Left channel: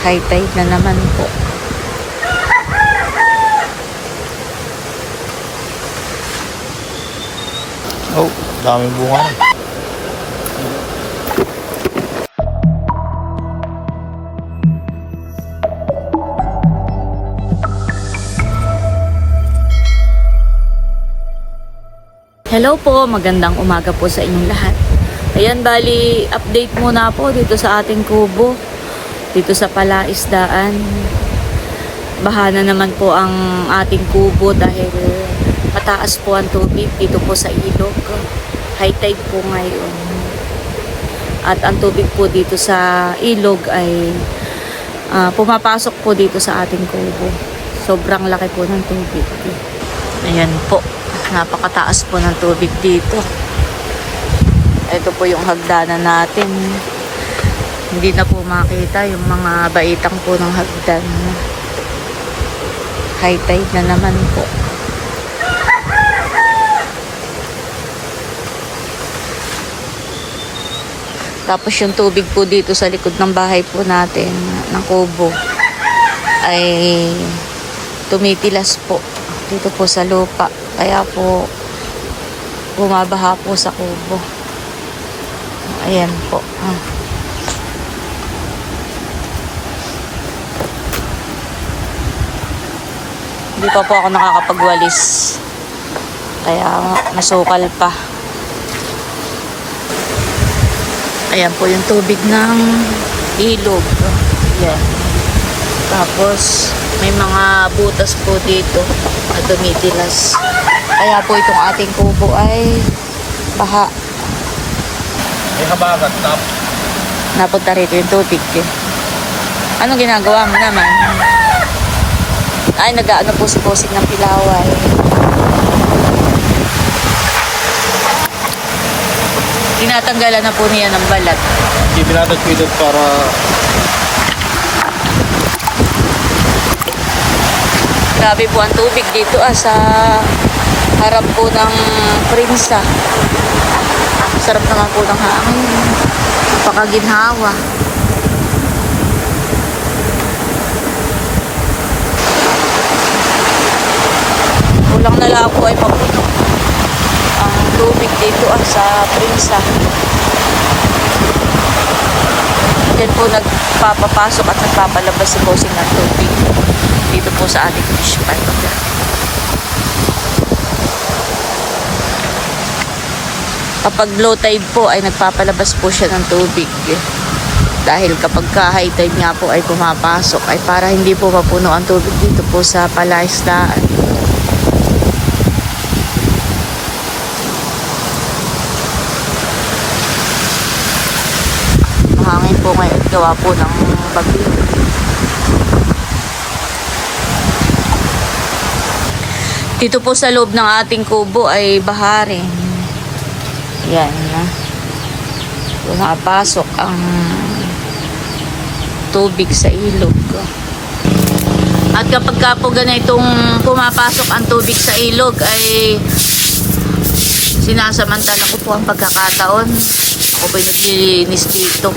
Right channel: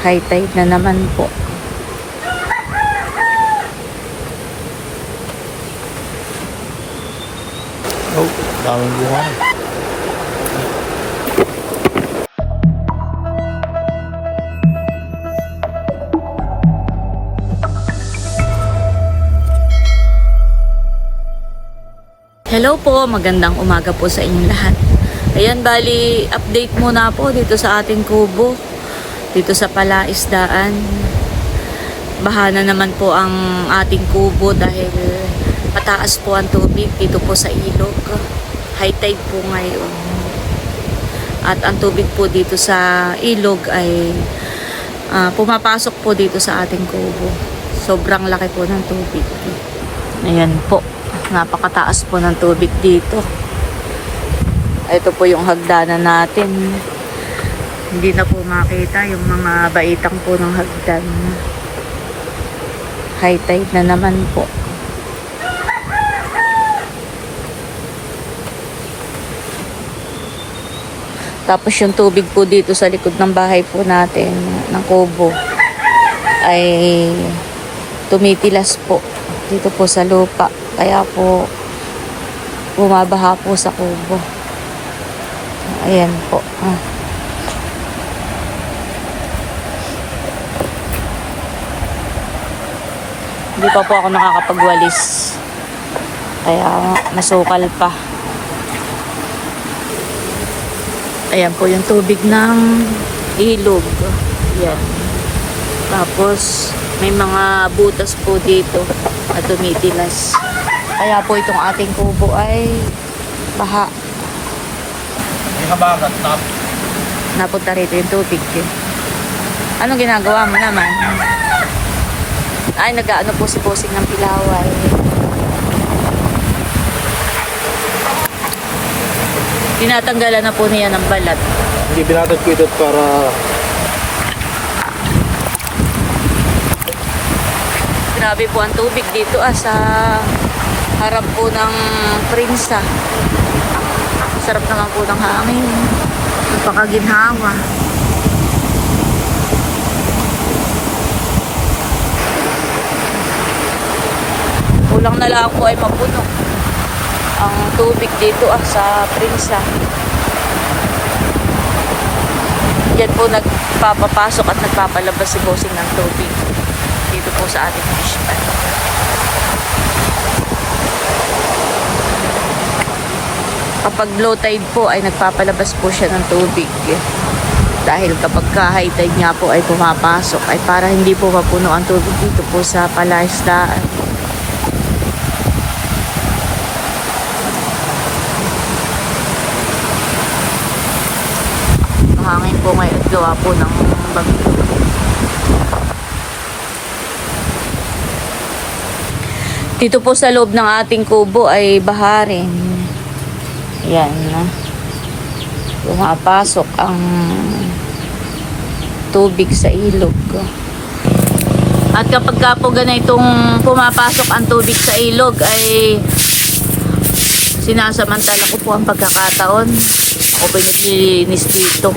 High tide na naman po. Oh, daming bunga rin. Hello po, magandang umaga po sa inyong lahat. Ayan, bali, update muna po dito sa ating kubo. Dito sa palaisdaan. Bahana naman po ang ating kubo dahil mataas po ang tubig dito po sa ilog. High tide po ngayon. At ang tubig po dito sa ilog ay ah, pumapasok po dito sa ating kubo. Sobrang laki po ng tubig. Ayan po. Napakataas po ng tubig dito. Ito po yung hagdanan natin. Hindi na po makita yung mga baitang po ng hagdan. High tide na naman po. Tapos yung tubig po dito sa likod ng bahay po natin, ng kubo, ay tumitilas po dito po sa lupa. Kaya po bumabaha po sa kubo. Ayan po. Ah. Hindi pa po ako nakakapagwalis. Kaya masukal pa. Ayan po yung tubig ng ilog. Yan. Tapos may mga butas po dito at tumitilas. Kaya po itong ating kubo ay baha. May habagat na. Napunta rito yung tubig. Eh. Anong ginagawa mo naman? Ay, nag-ano po si Posing ng Pilaway. Tinatanggalan na po niya ng balat. Hindi binatat ko ito para Grabe po ang tubig dito ah, sa harap po ng Prinsa. Sarap naman po ng hangin. Napakaginhawa. Kulang na lang po ay mapuno ang tubig dito ah, sa Prinsa. Diyan po nagpapapasok at nagpapalabas si Bossing ng tubig dito po sa ating fish pond. Kapag low tide po ay nagpapalabas po siya ng tubig. Dahil kapag ka high tide nga po ay pumapasok ay para hindi po mapuno ang tubig dito po sa palaisdaan. Mahangin po ngayon at gawa po ng bagyo. Dito po sa loob ng ating kubo ay baharin. Yan. Pumapasok ang tubig sa ilog. At kapag ka po ganitong pumapasok ang tubig sa ilog ay sinasamantala ko po ang pagkakataon. Ako po naglilinis dito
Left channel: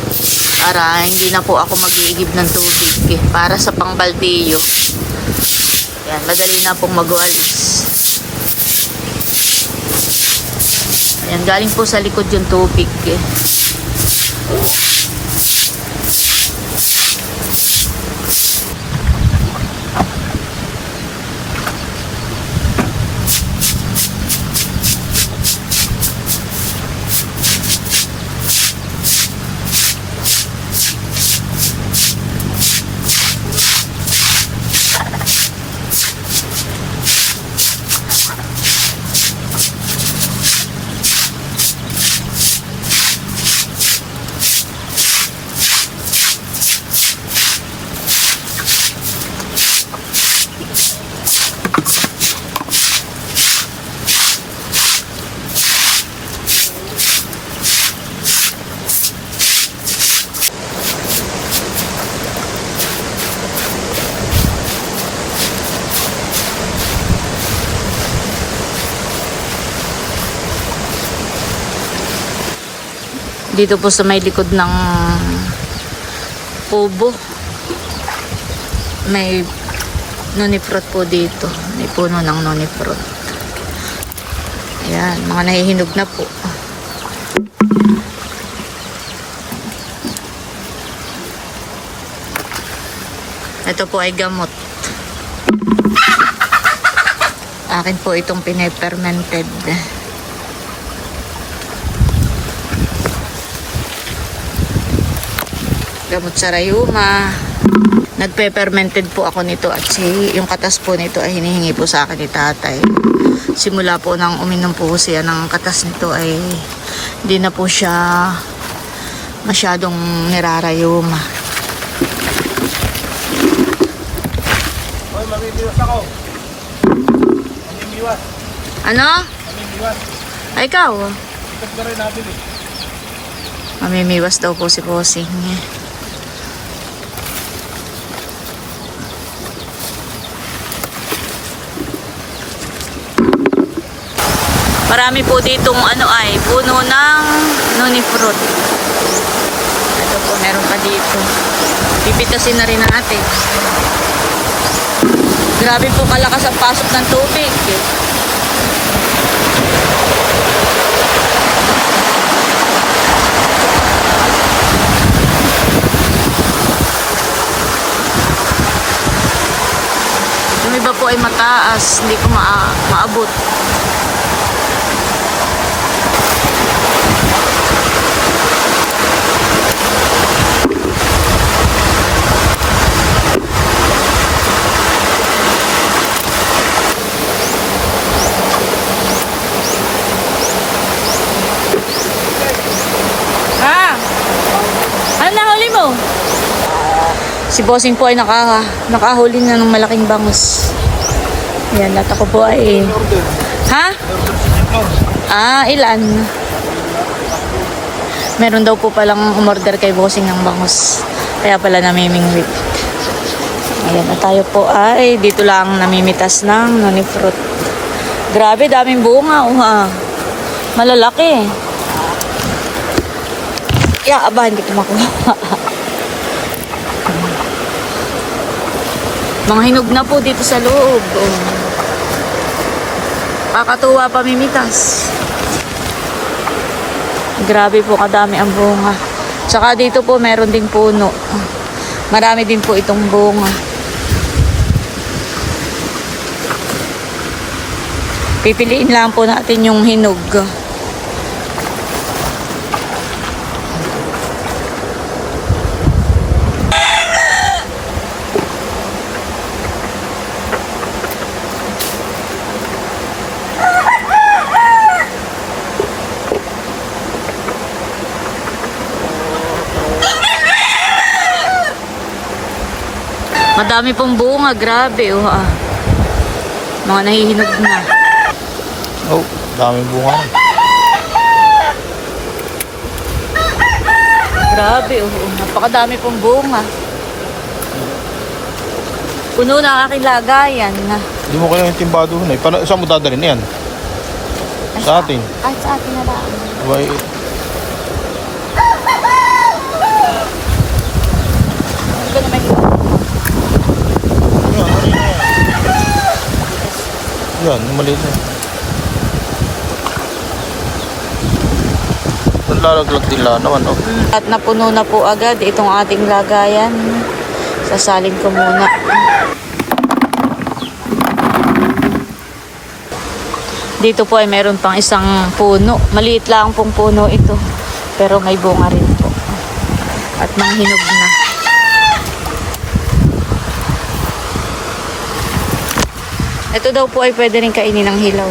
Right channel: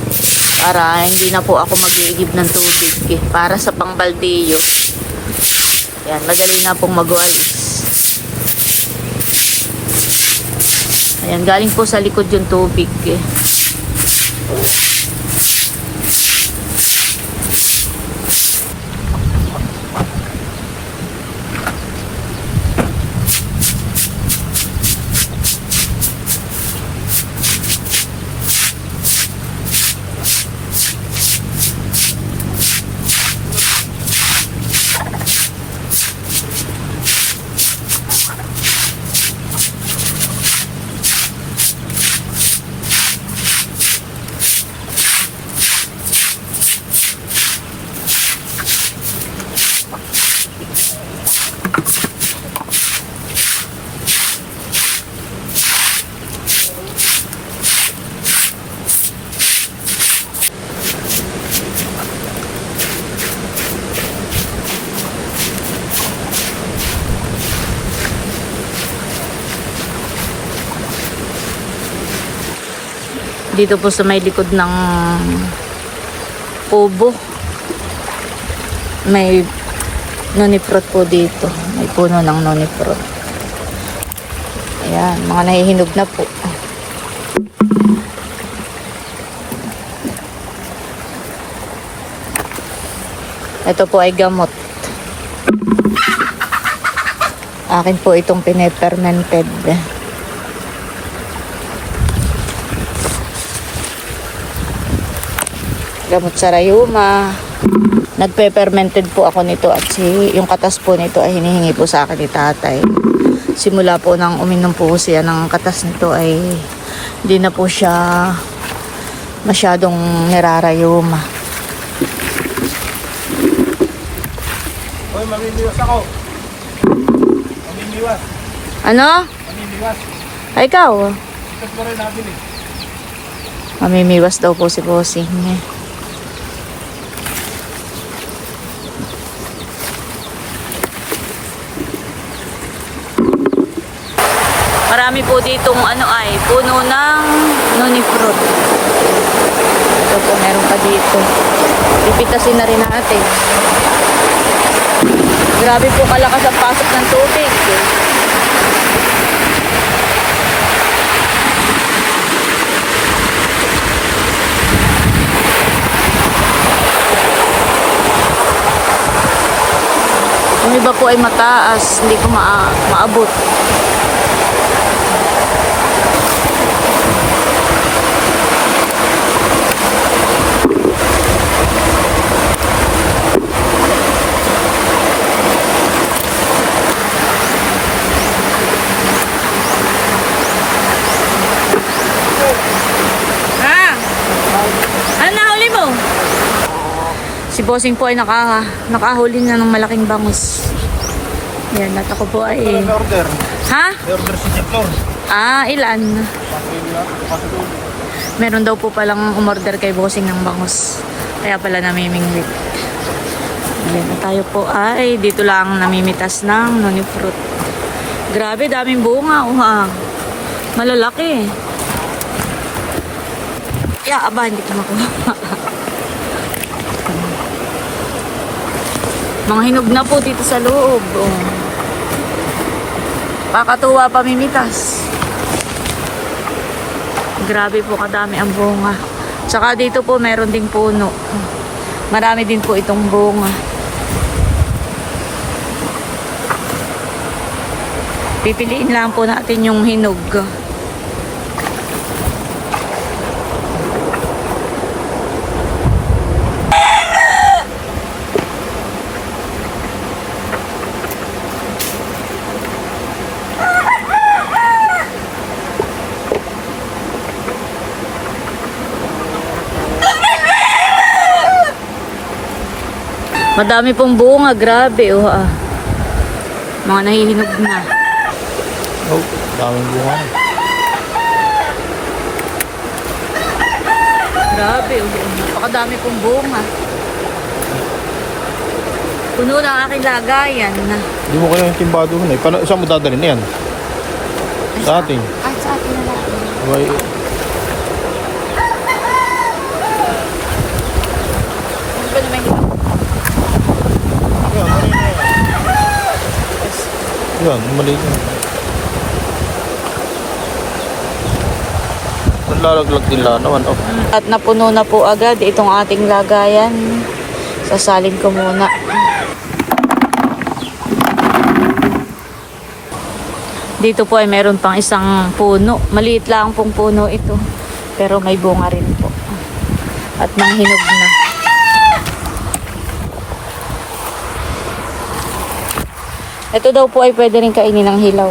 para hindi na po ako mag-iigib ng tubig eh, para sa pangbaldeyo. Yan, madali na pong magwalis. Ayan, galing po sa likod yung tubig eh. Dito po sa may likod ng kubo. may noni fruit po dito. May puno ng noni fruit. Ayan, mga nahihinog na po. Ito po ay gamot. Akin po itong pinipermented. Gamot sa rayuma. Nagpe-fermented po ako nito at si, yung katas po nito ay hinihingi po sa akin ni tatay. Simula po nang uminom po siya ng katas nito ay hindi na po siya masyadong nirarayuma. Ano? Ay, ikaw. Mamimiwas daw po si Bossing. Marami po ditong ano ay, puno ng noni fruit. Ito po, meron pa dito. Pipitasin na rin natin. Grabe po kalakas ang pasok ng tubig. Yung iba po ay mataas, hindi ko maa maabot. Ah! Ano nahuli mo? Si Bossing po ay naka, nakahuli na ng malaking bangus. Yan, at ako po ay... Order. Ha? Order si Jeplor. Ah, ilan? Meron daw po palang umorder kay Bossing ng bangus. Kaya pala namimingwit. Ayan, at tayo po ay dito lang namimitas ng noni fruit. Grabe, daming bunga. Oh, ha. Malalaki. Ya, aba, hindi ko makuha. Mga hinog na po dito sa loob. Oh. Kakatuwa pamimitas. Grabe po kadami ang bunga. Tsaka dito po meron ding puno. Marami din po itong bunga. Pipiliin lang po natin yung hinog. Madami pong bunga, grabe oh. Ah. Mga nahihinog na. Oh, daming bunga rin. Grabe, oh, oh, napakadami pong bunga. Puno na aking lagayan. na. Hindi mo kailangan yung timbado na eh. Paano, saan mo dadalhin na yan? Sa atin. Ay, sa atin na lang. Abay, Ano ba naman? Yan, ano na yan? Maliit na. Nalalaglag din lang naman, oh. At napuno na po agad itong ating lagayan. Sasalin ko muna. Dito po ay meron pang isang puno. Maliit lang pong puno ito. Pero may bunga rin po. At manghinog na. Ito daw po ay pwede rin kainin ng hilaw.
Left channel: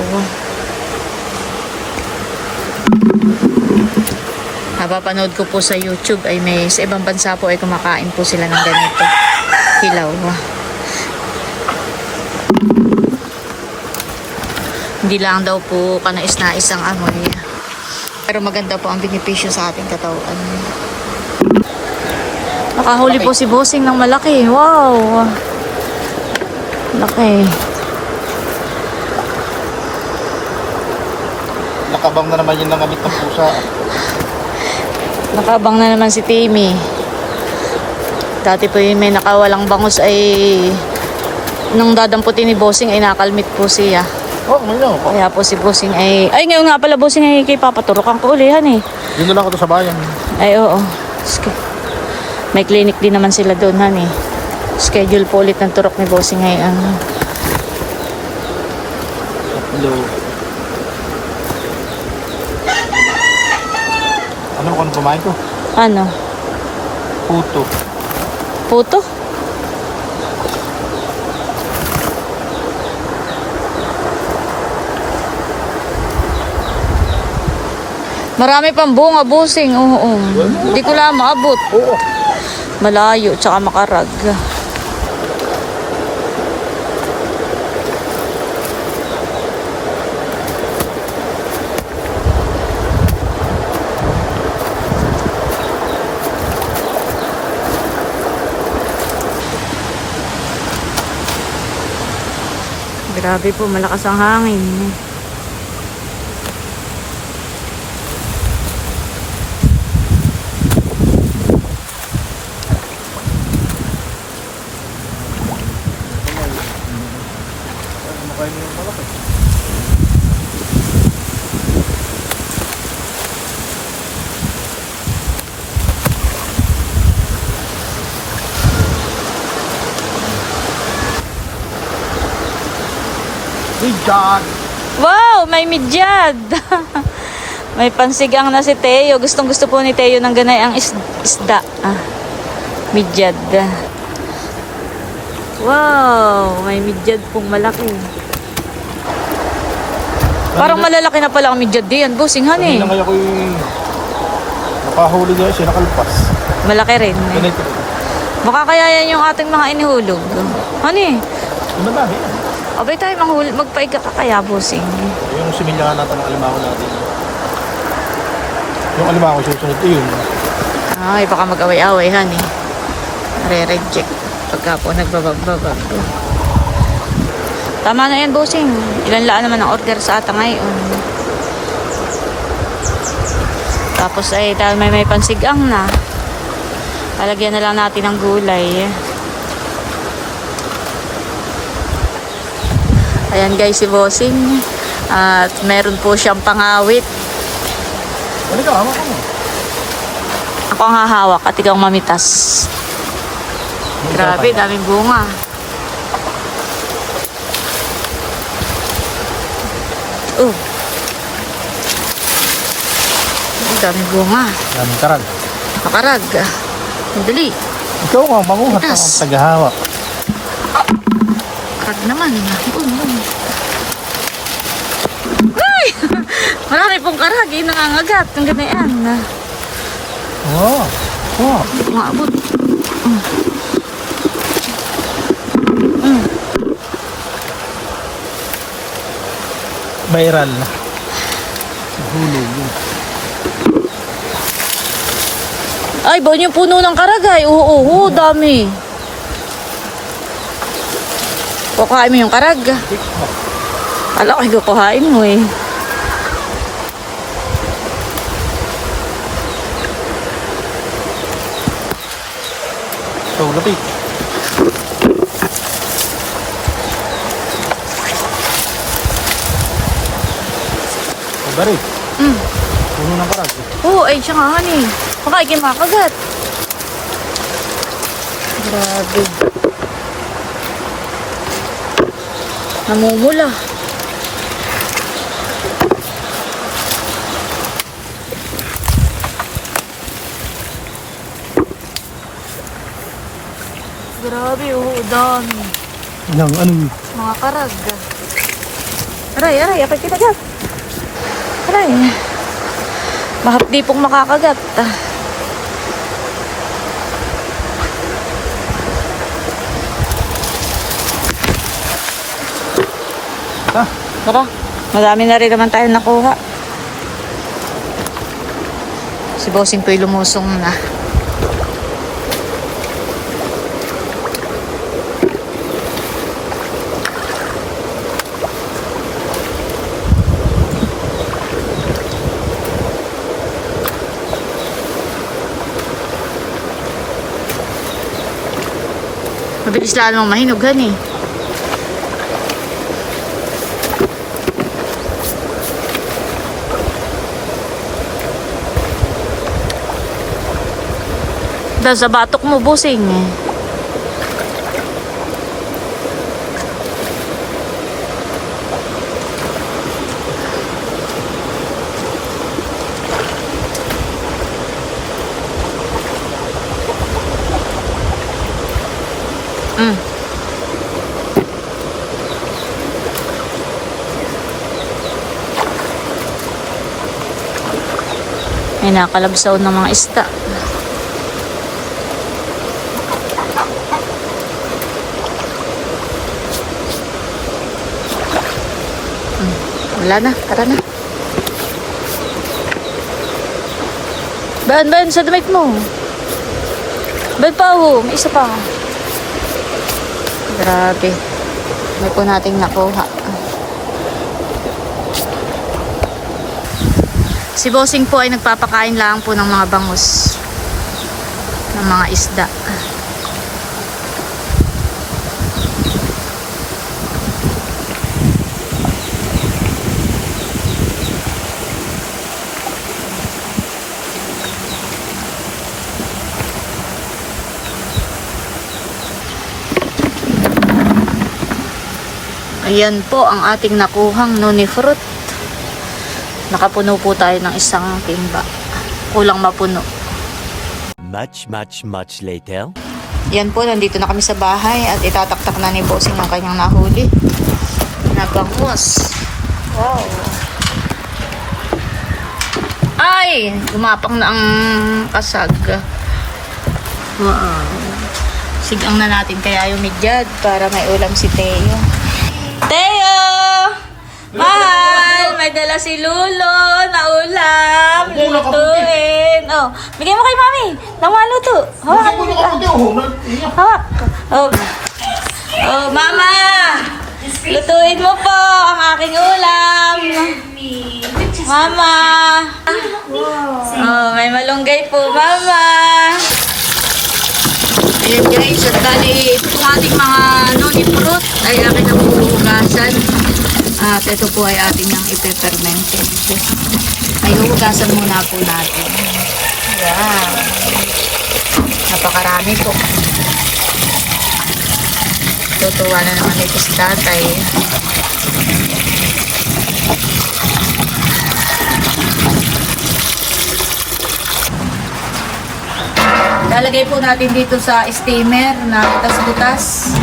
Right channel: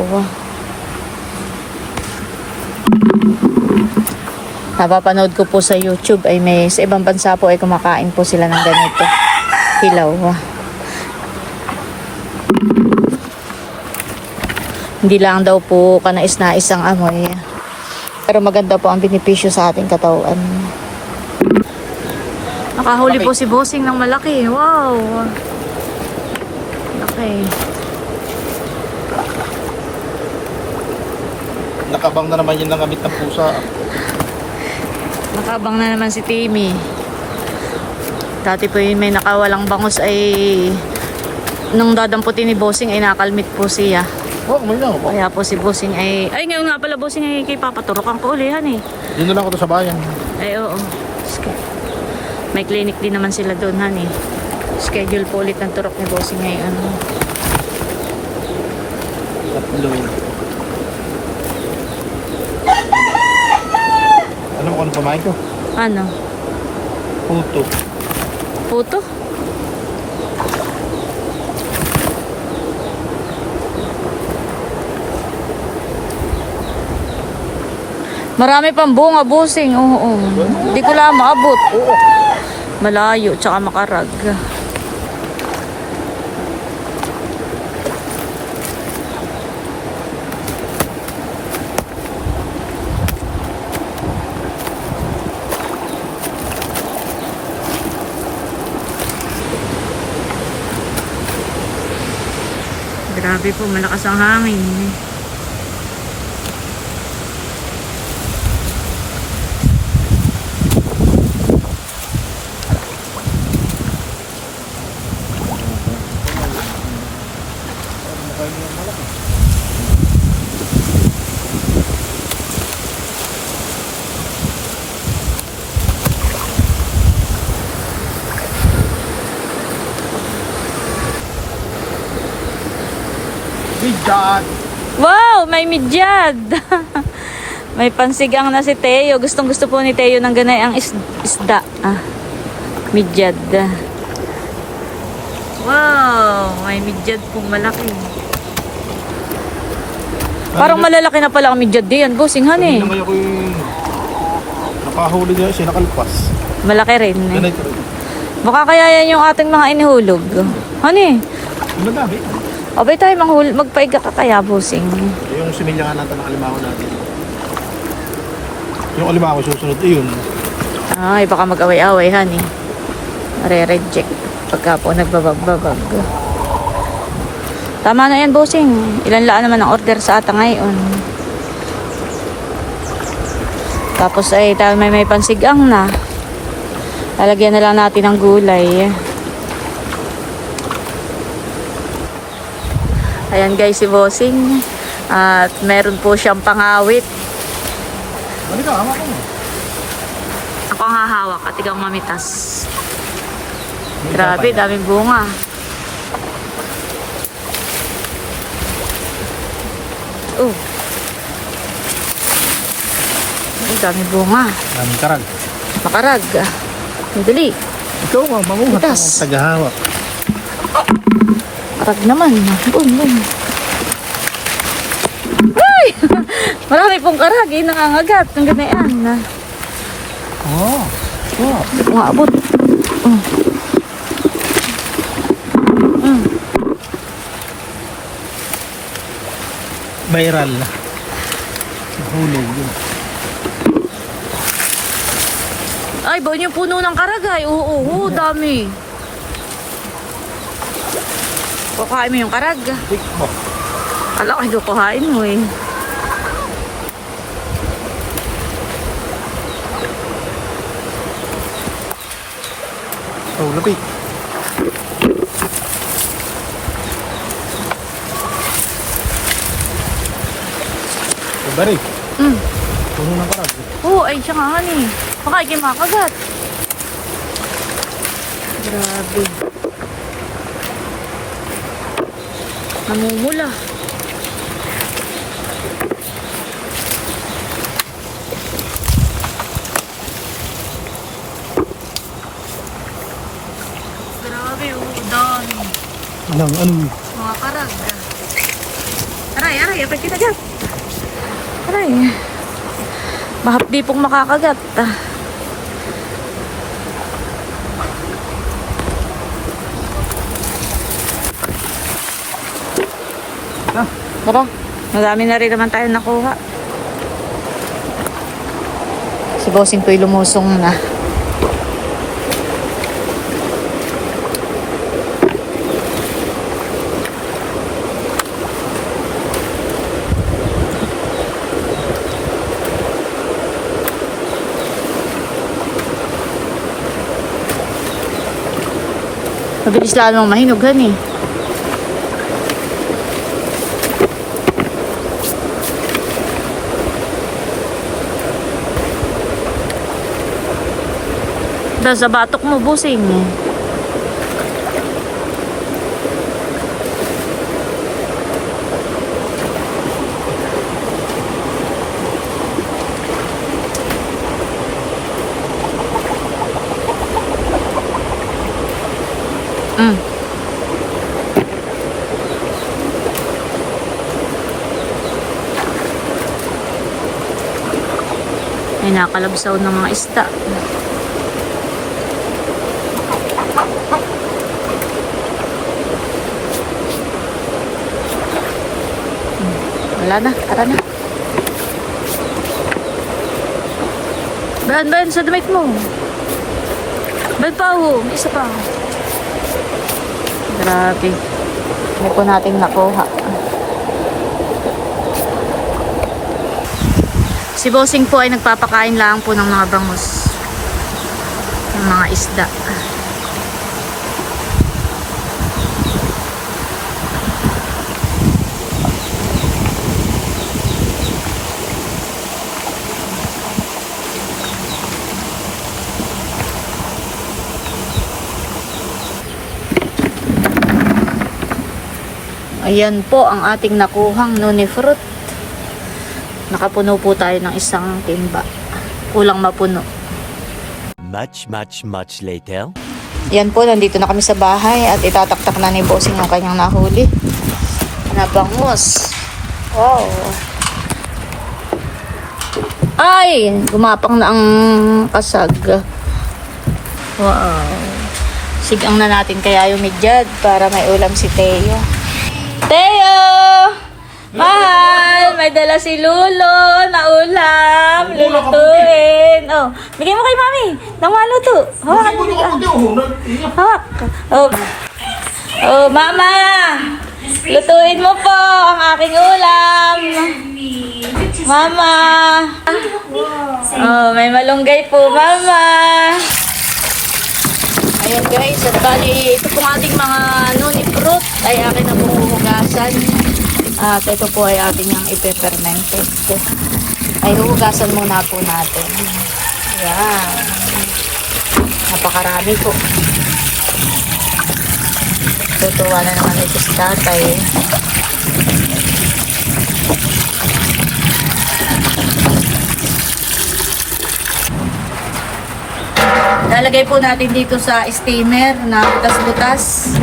Napapanood ko po sa YouTube ay may sa ibang bansa po ay kumakain po sila ng ganito. Hilaw. Hindi lang daw po kanais-nais ang amoy. Pero maganda po ang benepisyo sa ating katawan. Nakahuli po si Bossing ng malaki. Wow! Laki. Nakabang na naman yan ng gamit ng pusa. Nakabang na naman si Timmy. Dati po yung may nakawalang bangus ay nung dadamputin ni Bossing ay nakalmit po siya. Oh, may lang. Kaya po si Bossing ay... Ay, ngayon nga pala Bossing ay kay papaturokan ko ulihan eh. Dito lang ako sa bayan. Ay, oo. May clinic din naman sila doon, han eh. Schedule po ulit ng turok ni Bossing ngayon. Tatlo. Ano mo kung ano pamain ko? Ano? Puto. Puto? Marami pang bunga, Bossing. Oo, Hindi ko lang maabot. Oo. Malayo, tsaka makarag. Grabe po, malakas ang hangin. Kumakain mo yung malaki. Bigat! Wow, may midyad. may pansigang na si Teo. Gustong gusto po ni Teo ng ganay ang is- isda. Ah, midyad. Wow, may midyad pong malaki. Parang malalaki na pala ang midyad diyan, bossing han eh. Kanina kaya ko yung nakahuli niya siya nakalpas. Malaki rin eh. Ganito rin. Baka kaya yan yung ating mga inihulog. Han eh. Madami yan. Abay tayo manghul magpaiga ka kaya, bossing. Yung similya nga natin ng alimango natin. Yung alimango susunod yun. Ay, baka mag-away-away, han eh. Re-reject pagka po nagbabagbabag. Tama na yan, bossing. Ilan laan naman ang order sa ata ngayon. Tapos ay tayo may may pansigang na. Talagyan na lang natin ng gulay. Ayan guys si Bossing. At meron po siyang pangawit. Ano. Ako ang hahawak at ikaw ang mamitas. Grabe, daming bunga. Oh. Oh, daming bunga. Daming karag. Makarag. Ang dali. Ikaw nga, manguhat ang tagahawak. Karag naman. Bum, bum. Ay! Marami pong karag. Yung nangangagat. Ang ganyan. Oo. Oo. Hindi ko maabot. Mm. Mm. Viral na. Nahulog yun. Ay, ba yung puno ng karagay? Oo, oo, oo, dami. Kukuhain mo yung karag. Kala ko kukuhain mo eh. Oh, lapit. Oh, bari. Mm. Puno ng karag. Oo, ay siya nga honey. Baka ikay makagat. Grabe. Namumula. Grabe, oo, dami. Yung ano yun? Mga karag. Aray, aray, apay kita gat. Aray. Mahapdi pong makakagat. Ah. Tara, madami na rin naman tayo nakuha. Si Bossing po'y lumusong na. Mabilis lalo mong mahinugan eh. Dahil sa batok mo, busing eh. Mm. May nakalabsaw ng mga isda. Wala na, tara na. Ban, ban, sa damit mo. Ban pa, oh. May isa pa. Grabe. May po nating nakuha. Si Bossing po ay nagpapakain lang po ng mga bangus. Ng mga isda. Ayan po ang ating nakuhang noni fruit. Nakapuno po tayo ng isang timba. Kulang mapuno. Much, much, much later. Yan po, nandito na kami sa bahay at itataktak na ni Bossing yung kanyang nahuli. Nabangos. Wow. Ay! Gumapang na ang kasag. Wow. Sigang na natin kaya yung midyad para may ulam si Teo. Teo! Mahal! May dala si Lulo na ulam. Lulutuin. Oh, bigay mo kay Mami. Nang maluto. Hawakan mo. bigla. Hawak. Oh. Oh, Mama! Lutuin mo po ang aking ulam. Mama! Oh, may malunggay po, Mama. Ayan guys, at bali, ito pong ating mga noni fruit ay akin huhugasan. At ito po ay ating yung ipe-fermented. Ay huhugasan muna po natin. Ayan. Napakarami po. Tutuwa na naman ito si tatay. Lalagay po natin dito sa steamer na butas-butas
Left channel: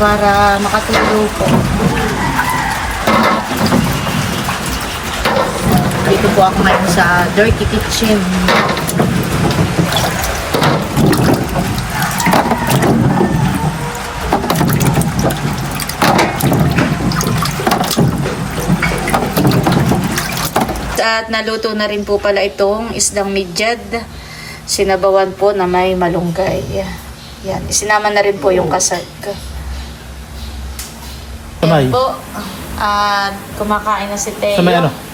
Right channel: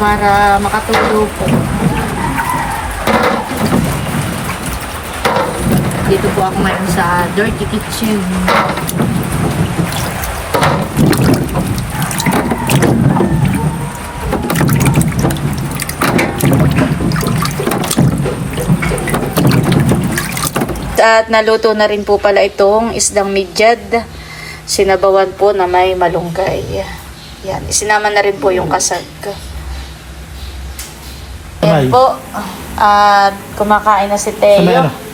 para makatulo po. Dito po ako ngayon sa dirty kitchen. At naluto na rin po pala itong isdang midyad. Sinabawan po na may malunggay. Yan, isinama na rin po yung kasag. Yan po. At kumakain na si Teo. Sa may ano?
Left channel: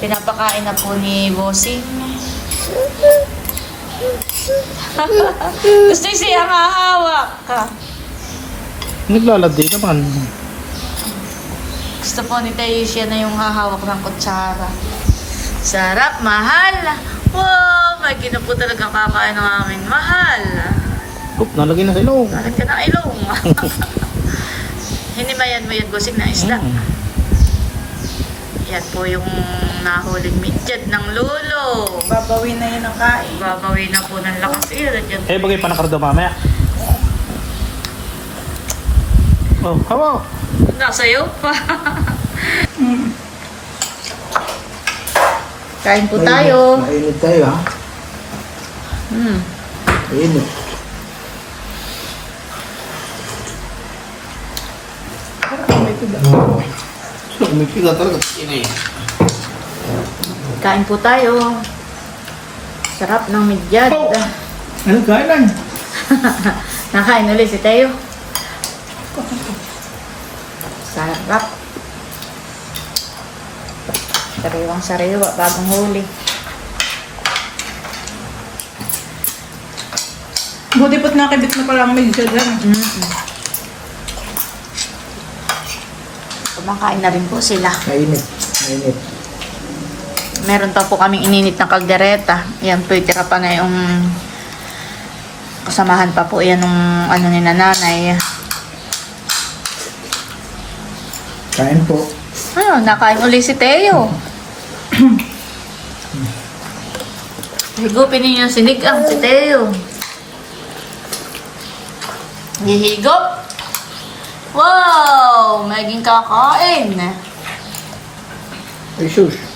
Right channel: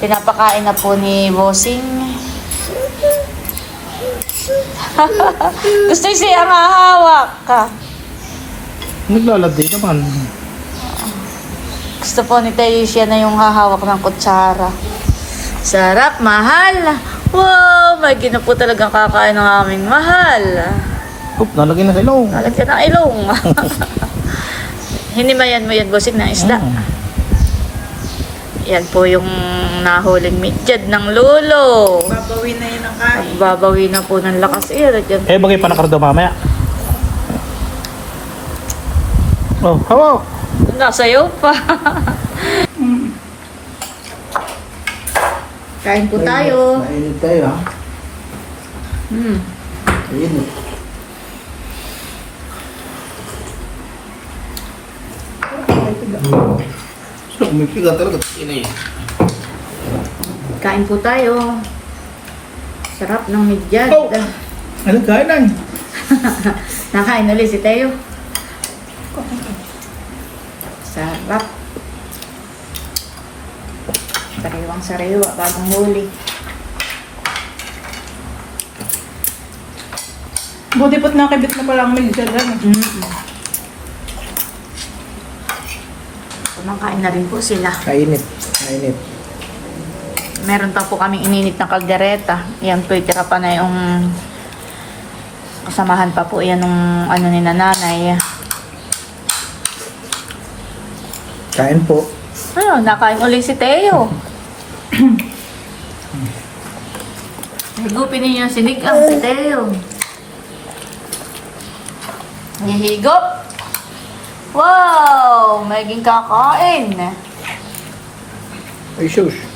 Pinapakain na po ni Bossing. Gusto siya hahawak ka. Naglalandi naman. Gusto po ni siya na yung hahawak ng kutsara. Sarap, mahal. Wow, may gina po talaga kakain ng aming mahal. Oop, nalagay na sa ilaw. Nalagyan ng ilong. Hinimayan mo yan, bossing na isda. Mm. Yan po yung nahuling midyad ng lulo. Babawi na yun ang kain. Babawi na po ng lakas iyan. Yan Eh, bagay pa nakardo mamaya. Oh, hawa. Nasa iyo pa. Kain po tayo. Mainit tayo ha. Hmm. Mainit. So, umipiga talaga. Inay. Kain po tayo. Sarap ng midyad. Oh! Anong kainan? Nakain ulit si Teo. Sarap. Sariwang sariwa, bagong huli. Buti po't nakibit na pala ang medyo dyan. Kumakain na rin po sila. Mainit. Mainit. Meron pa po kaming ininit na kaldereta. Yan po, tira pa na yung kasamahan pa po yan ng ano ni nanay. Kain po. Ano, nakain uli si Teo. Higupin ninyo yung sinigang si Teo. Hihigop. Wow! Maging kakain. Ay, sus.